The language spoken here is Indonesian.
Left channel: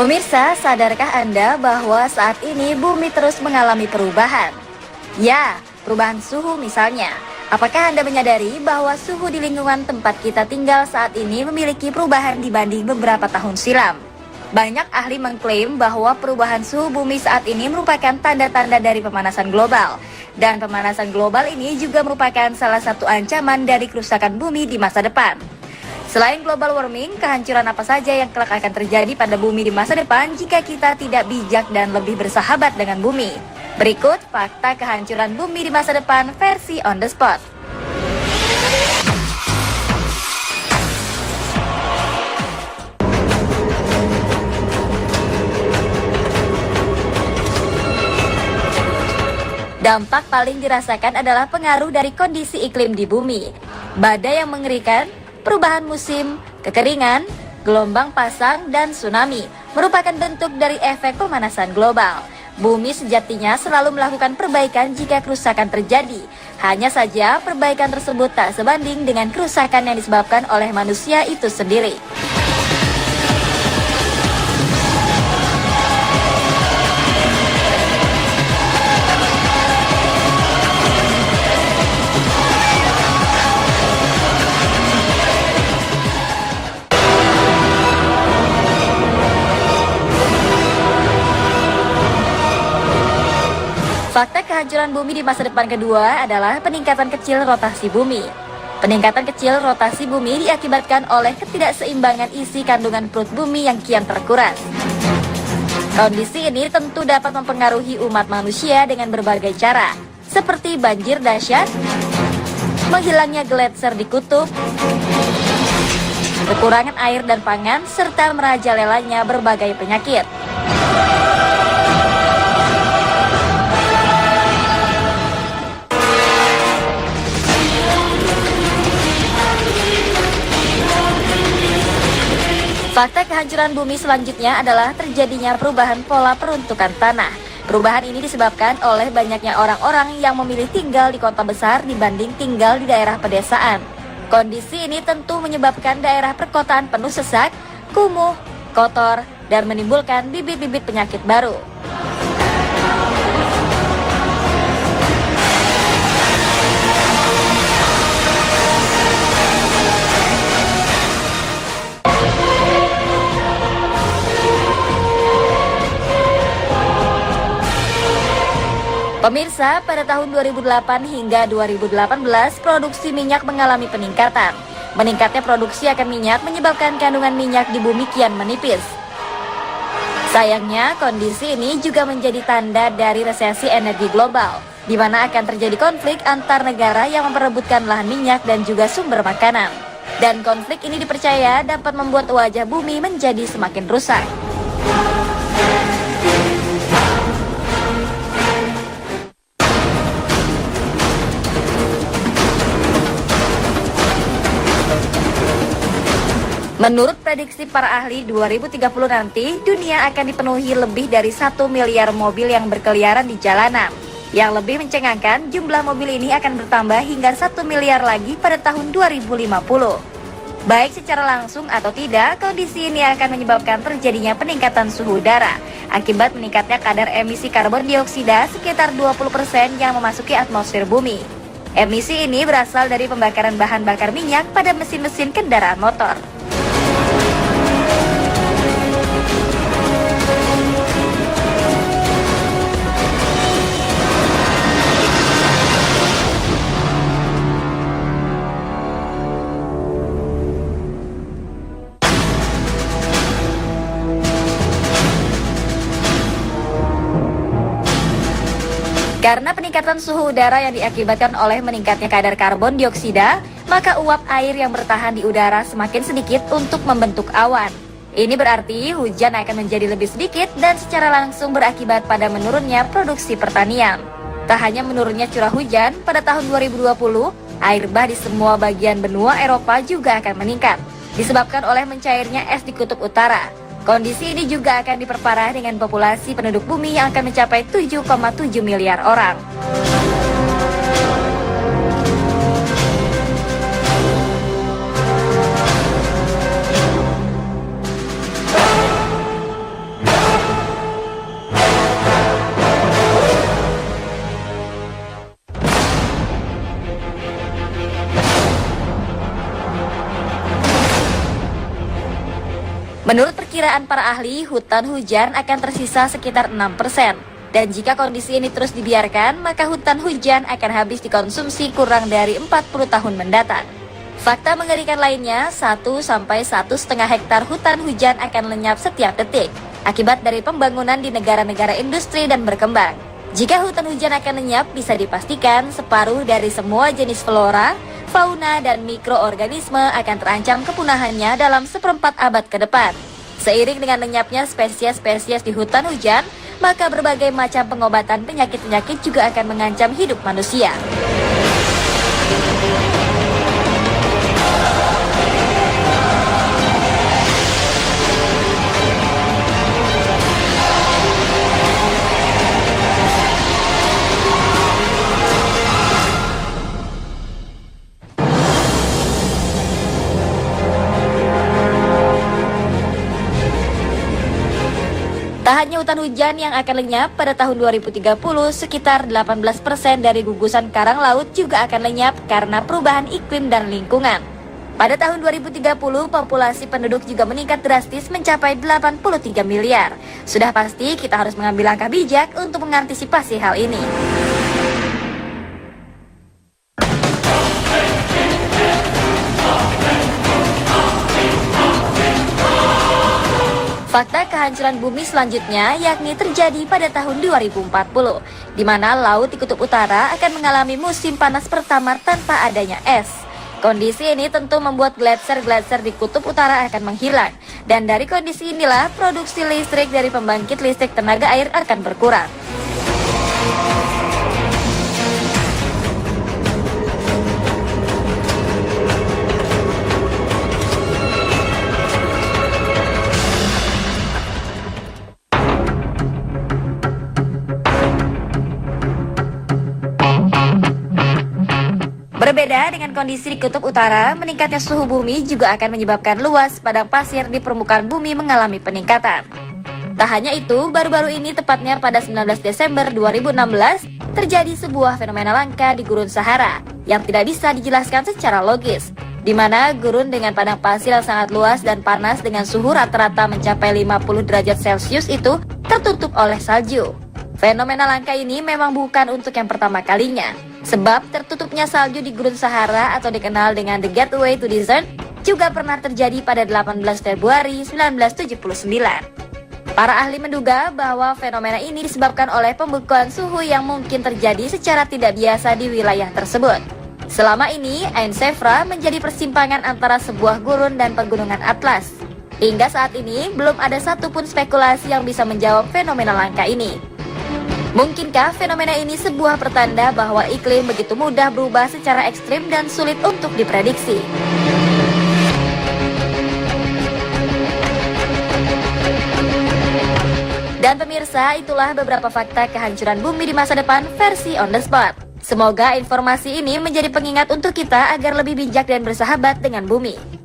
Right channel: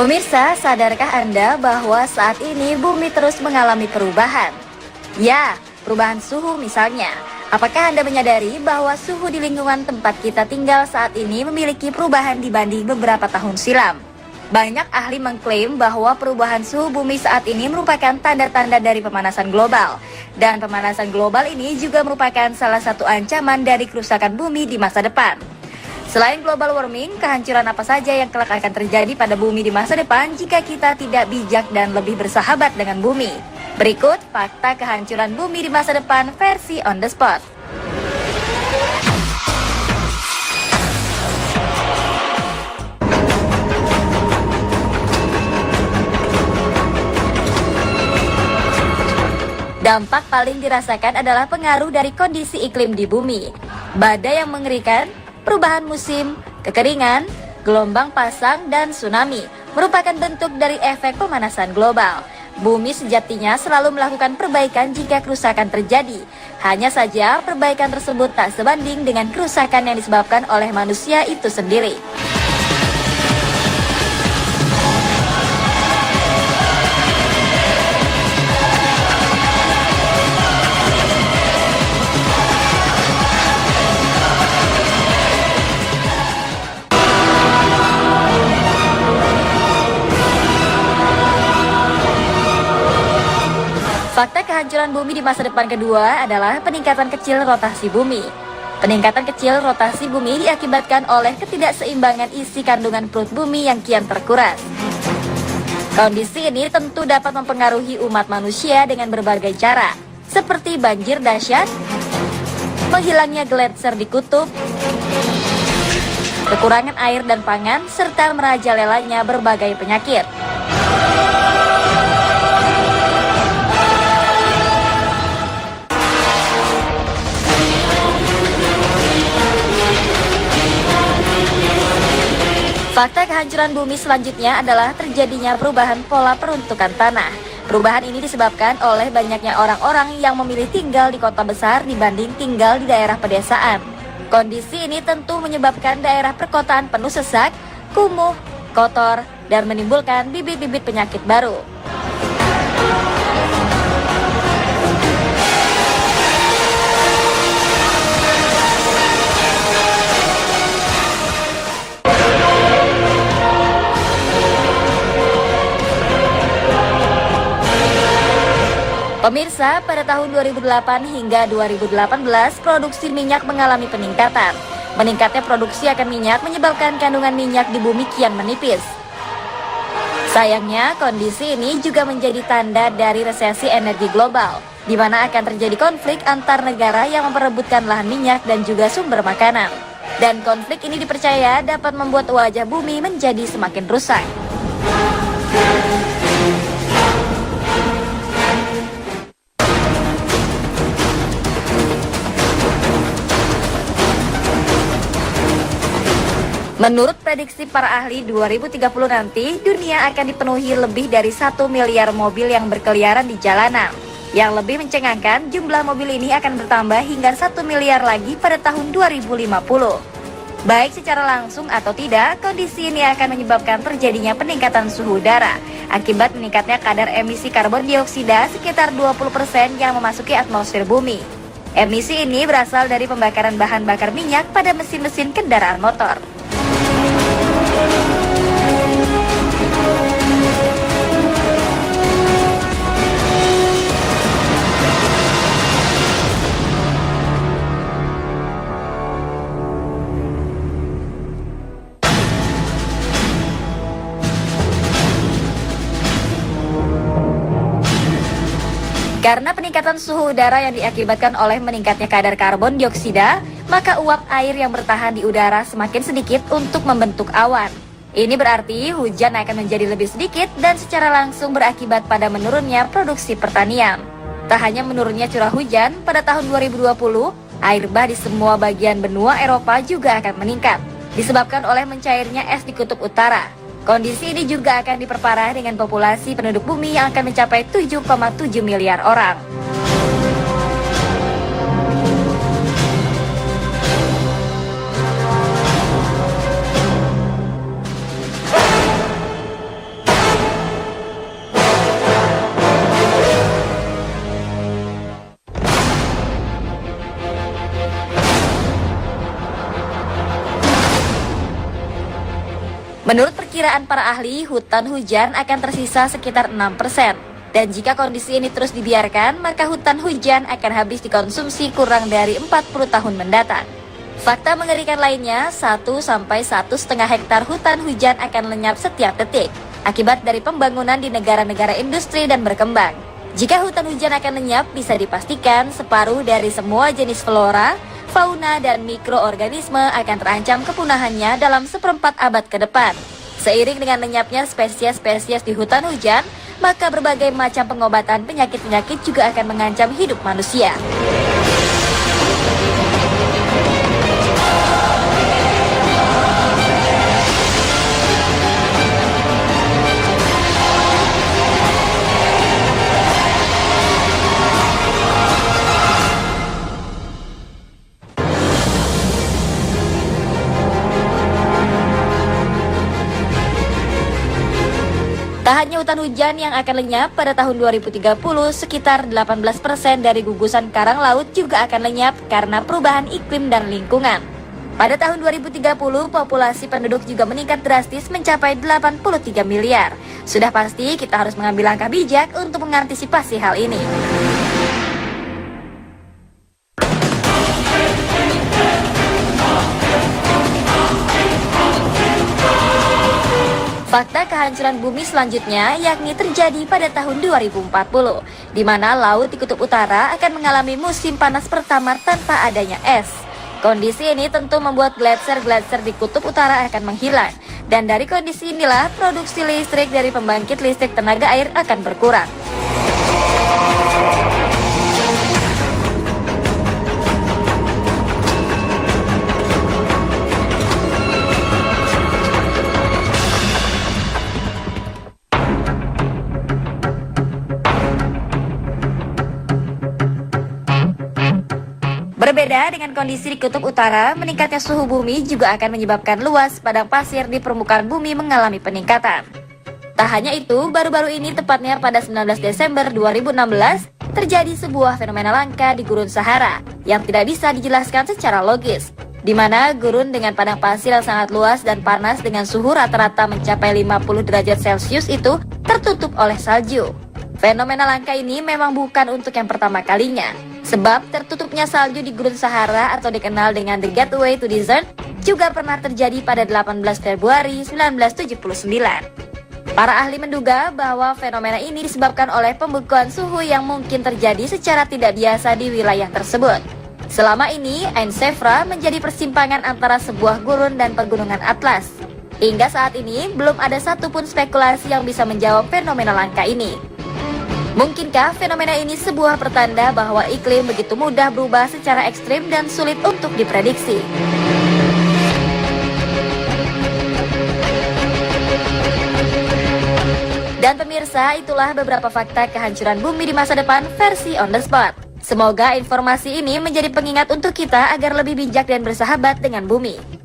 Pemirsa, sadarkah Anda bahwa saat ini bumi terus mengalami perubahan? Ya, perubahan suhu misalnya. Apakah Anda menyadari bahwa suhu di lingkungan tempat kita tinggal saat ini memiliki perubahan dibanding beberapa tahun silam? Banyak ahli mengklaim bahwa perubahan suhu bumi saat ini merupakan tanda-tanda dari pemanasan global. Dan pemanasan global ini juga merupakan salah satu ancaman dari kerusakan bumi di masa depan. Selain global warming, kehancuran apa saja yang kelak akan terjadi pada bumi di masa depan jika kita tidak bijak dan lebih bersahabat dengan bumi? Berikut fakta kehancuran bumi di masa depan versi on the spot. Dampak paling dirasakan adalah pengaruh dari kondisi iklim di bumi. Badai yang mengerikan, perubahan musim, kekeringan, gelombang pasang, dan tsunami merupakan bentuk dari efek pemanasan global. Bumi sejatinya selalu melakukan perbaikan jika kerusakan terjadi. Hanya saja perbaikan tersebut tak sebanding dengan kerusakan yang disebabkan oleh manusia itu sendiri. Fakta kehancuran bumi di masa depan kedua adalah peningkatan kecil rotasi bumi. Peningkatan kecil rotasi bumi diakibatkan oleh ketidakseimbangan isi kandungan perut bumi yang kian terkuras. Kondisi ini tentu dapat mempengaruhi umat manusia dengan berbagai cara, seperti banjir dahsyat, menghilangnya gletser di kutub, kekurangan air dan pangan, serta merajalelanya berbagai penyakit. Fakta kehancuran bumi selanjutnya adalah terjadinya perubahan pola peruntukan tanah. Perubahan ini disebabkan oleh banyaknya orang-orang yang memilih tinggal di kota besar dibanding tinggal di daerah pedesaan. Kondisi ini tentu menyebabkan daerah perkotaan penuh sesak, kumuh, kotor, dan menimbulkan bibit-bibit penyakit baru. Pemirsa, pada tahun 2008 hingga 2018, produksi minyak mengalami peningkatan. Meningkatnya produksi akan minyak menyebabkan kandungan minyak di bumi kian menipis. Sayangnya, kondisi ini juga menjadi tanda dari resesi energi global, di mana akan terjadi konflik antar negara yang memperebutkan lahan minyak dan juga sumber makanan. Dan konflik ini dipercaya dapat membuat wajah bumi menjadi semakin rusak. Menurut prediksi para ahli, 2030 nanti dunia akan dipenuhi lebih dari 1 miliar mobil yang berkeliaran di jalanan. Yang lebih mencengangkan, jumlah mobil ini akan bertambah hingga 1 miliar lagi pada tahun 2050. Baik secara langsung atau tidak, kondisi ini akan menyebabkan terjadinya peningkatan suhu udara akibat meningkatnya kadar emisi karbon dioksida sekitar 20% yang memasuki atmosfer bumi. Emisi ini berasal dari pembakaran bahan bakar minyak pada mesin-mesin kendaraan motor. Karena peningkatan suhu udara yang diakibatkan oleh meningkatnya kadar karbon dioksida, maka uap air yang bertahan di udara semakin sedikit untuk membentuk awan. Ini berarti hujan akan menjadi lebih sedikit dan secara langsung berakibat pada menurunnya produksi pertanian. Tak hanya menurunnya curah hujan, pada tahun 2020, air bah di semua bagian benua Eropa juga akan meningkat, disebabkan oleh mencairnya es di kutub utara. Kondisi ini juga akan diperparah dengan populasi penduduk bumi yang akan mencapai 7,7 miliar orang. perkiraan para ahli, hutan hujan akan tersisa sekitar 6%. Dan jika kondisi ini terus dibiarkan, maka hutan hujan akan habis dikonsumsi kurang dari 40 tahun mendatang. Fakta mengerikan lainnya, 1-1,5 hektar hutan hujan akan lenyap setiap detik, akibat dari pembangunan di negara-negara industri dan berkembang. Jika hutan hujan akan lenyap, bisa dipastikan separuh dari semua jenis flora, fauna, dan mikroorganisme akan terancam kepunahannya dalam seperempat abad ke depan. Seiring dengan lenyapnya spesies-spesies di hutan hujan, maka berbagai macam pengobatan penyakit-penyakit juga akan mengancam hidup manusia. Tak hanya hutan hujan yang akan lenyap pada tahun 2030, sekitar 18% dari gugusan karang laut juga akan lenyap karena perubahan iklim dan lingkungan. Pada tahun 2030, populasi penduduk juga meningkat drastis mencapai 83 miliar. Sudah pasti kita harus mengambil langkah bijak untuk mengantisipasi hal ini. Fakta kehancuran bumi selanjutnya yakni terjadi pada tahun 2040, di mana laut di kutub utara akan mengalami musim panas pertama tanpa adanya es. Kondisi ini tentu membuat gletser-gletser di kutub utara akan menghilang, dan dari kondisi inilah produksi listrik dari pembangkit listrik tenaga air akan berkurang. Berbeda dengan kondisi di kutub utara, meningkatnya suhu bumi juga akan menyebabkan luas padang pasir di permukaan bumi mengalami peningkatan. Tak hanya itu, baru-baru ini tepatnya pada 19 Desember 2016, terjadi sebuah fenomena langka di Gurun Sahara yang tidak bisa dijelaskan secara logis, di mana gurun dengan padang pasir yang sangat luas dan panas dengan suhu rata-rata mencapai 50 derajat Celcius itu tertutup oleh salju. Fenomena langka ini memang bukan untuk yang pertama kalinya, sebab tertutupnya salju di Gurun Sahara atau dikenal dengan The Gateway to Desert juga pernah terjadi pada 18 Februari 1979. Para ahli menduga bahwa fenomena ini disebabkan oleh pembekuan suhu yang mungkin terjadi secara tidak biasa di wilayah tersebut. Selama ini, Ain Sefra menjadi persimpangan antara sebuah gurun dan pegunungan Atlas. Hingga saat ini, belum ada satupun spekulasi yang bisa menjawab fenomena langka ini. Mungkinkah fenomena ini sebuah pertanda bahwa iklim begitu mudah berubah secara ekstrim dan sulit untuk diprediksi? Dan pemirsa, itulah beberapa fakta kehancuran bumi di masa depan versi on the spot. Semoga informasi ini menjadi pengingat untuk kita agar lebih bijak dan bersahabat dengan bumi.